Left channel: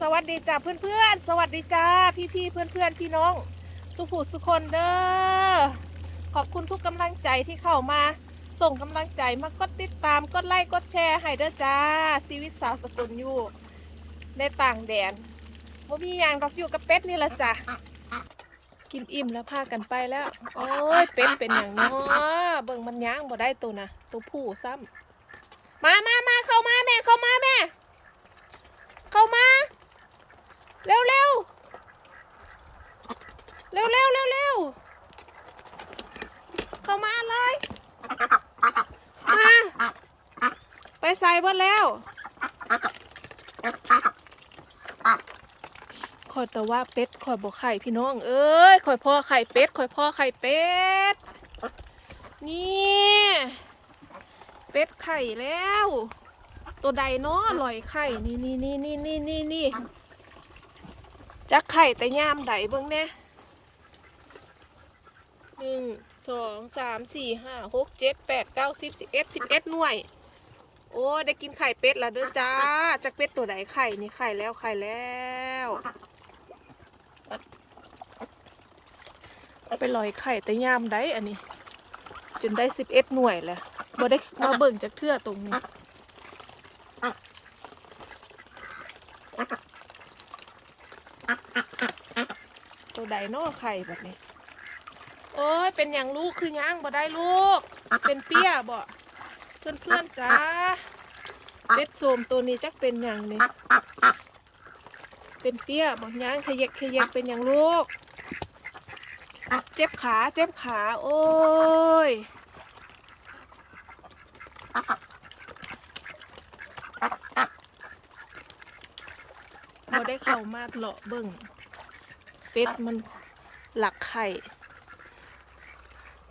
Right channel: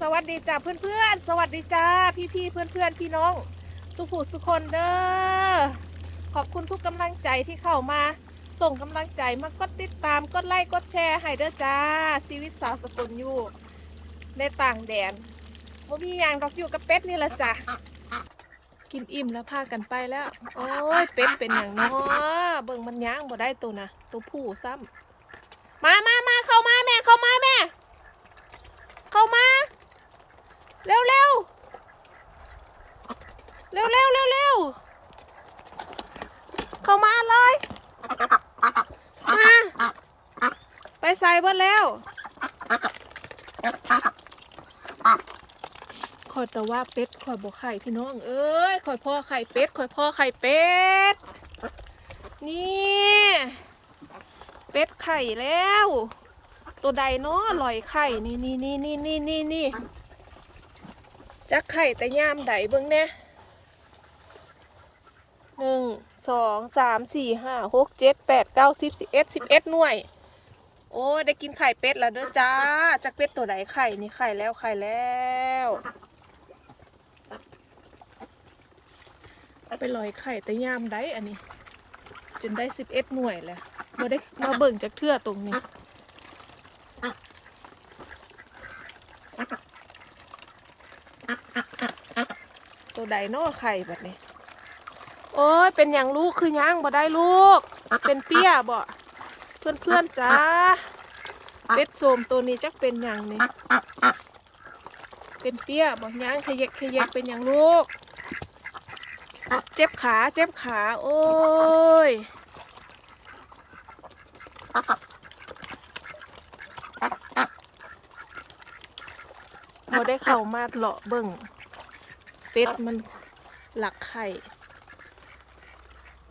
สวัสดีจ้าเพื่อนๆ สวัสดีจ้าพี่ๆเพื่อนๆ พี่น้อง สุภูสุคนเด้อขอบคุณทุกกำลังใจที่เข้ามา ส่งกำลังใจมากดติดตามกดไลค์กดแชร์ให้เด้อจ้าชีวิตสาวสกุลอยู่ ในต่างแดนว่ามีอย่างดอกอยู่กับเป็ดนี่ละจ้ะกินอิ่มแล้วพากันไปแล้ว โอ้ยเป็ดเป็นอย่างนาะเบิ่งมันย่างบ่ได้ตัวนะตัวผู้ซ้ำมามามาเข้ามาแม่เข้ามาแม่ เข้ามา เร็วเร็ว เร็วเร็วเร็วเร็วเข้ามาเลยมาไปใส่เบิดแล้วคอยแต่ว่าเป็ดคอยบอกไข่พี่น้อง เอ้ยคอยพ่อไข่เป็ดคอยพ่อไข่เป็ด นี่ เป็ดไข่แล้ว ตัวใดเนาะลอยไข่นี่นี่นี่นี่นี่นี่นี่จักไข่แต่ยามใดเบิ่งแน่ หนึ่งสองสามสี่ห้าหกเจ็ดแปดเก้าสิบสิบเอ็ดสิบเอ็ดหน่วย โอ้ได้กินไข่เป็ดแล้วด้อจ้าจักเป็ดตัวใดไข่นี่ไข่แล้วไข่แล้วไปลอยไข่แต่ยามใดอันนี้ จนได้สิบเอ็ดหน่วยแหละบ่ได้มาเบิ่งจากเทื่อตรงนี้ตัวใดนอไข่แบบนี้ โอ้ยเป็นอย่างลูกคือย่างบ่ได้ลูก เป็นเปี้ยบ่เพื่อนเพื่อนจ้าเป็ดโสมตัวนี้จักเป็นอย่างนี้เป็นเปี้ยบ่ย่างขยกขยกเป็นอย่างลูก เจ็บขาเจ็บขาโอ้ยบ่ได้เข้ามาเลาะเบิ่งเป็ดมันหลักไข่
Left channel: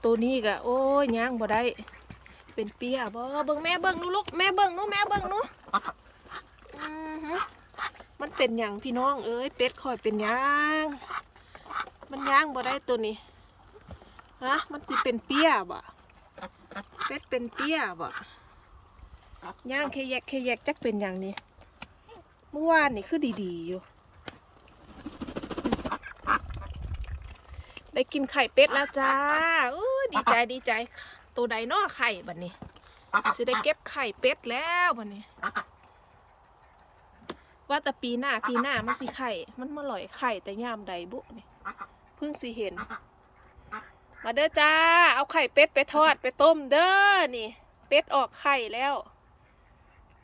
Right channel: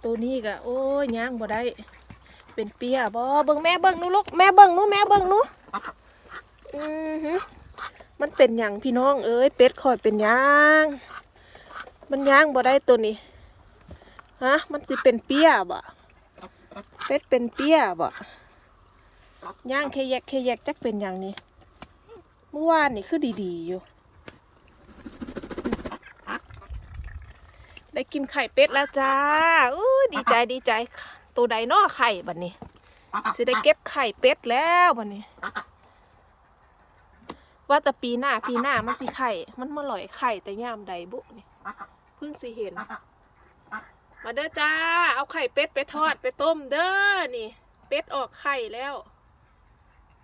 ตัวนี้ก็โอ้ยย่างบ่ได้ เป็นเปียบ่เบิ่งแม่เบิ่งนูลูกแม่เบิ่งนูแม่เบิ่งนูอือหือมันเป็นหยังพี่น้องเอ้ยเป็ดคอยเป็นหยังมันย่างบ่ได้ตัวนี้ฮะมันสิเป็นเปียบ่เป็ดเป็นเปียบ่ย่างแค่แยกแค่แยกจักเป็นหยังนี่เมื่อวานนี่คือดีๆอยู่ ได้กินไข่เป็ดแล้วจ้าอู้ดีใจดีใจ ตัวใดนอไข่บัดนี้จะได้เก็บไข่เป็ดแล้วบัดนี้ ว่าแต่ปีหน้าปีหน้ามันสิไข่ มันมาหลอยไข่แต่ยามใดบุนี่เพิ่งสิเห็น มาเด้อจ้า เอาไข่เป็ดไปทอดไปต้มเด้อนี่ เป็ดออกไข่แล้ว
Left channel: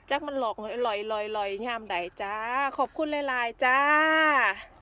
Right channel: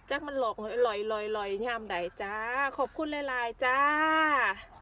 จักมันหลอกลอยลอยลอยยามใดจ้า ขอบคุณหลายๆจ้า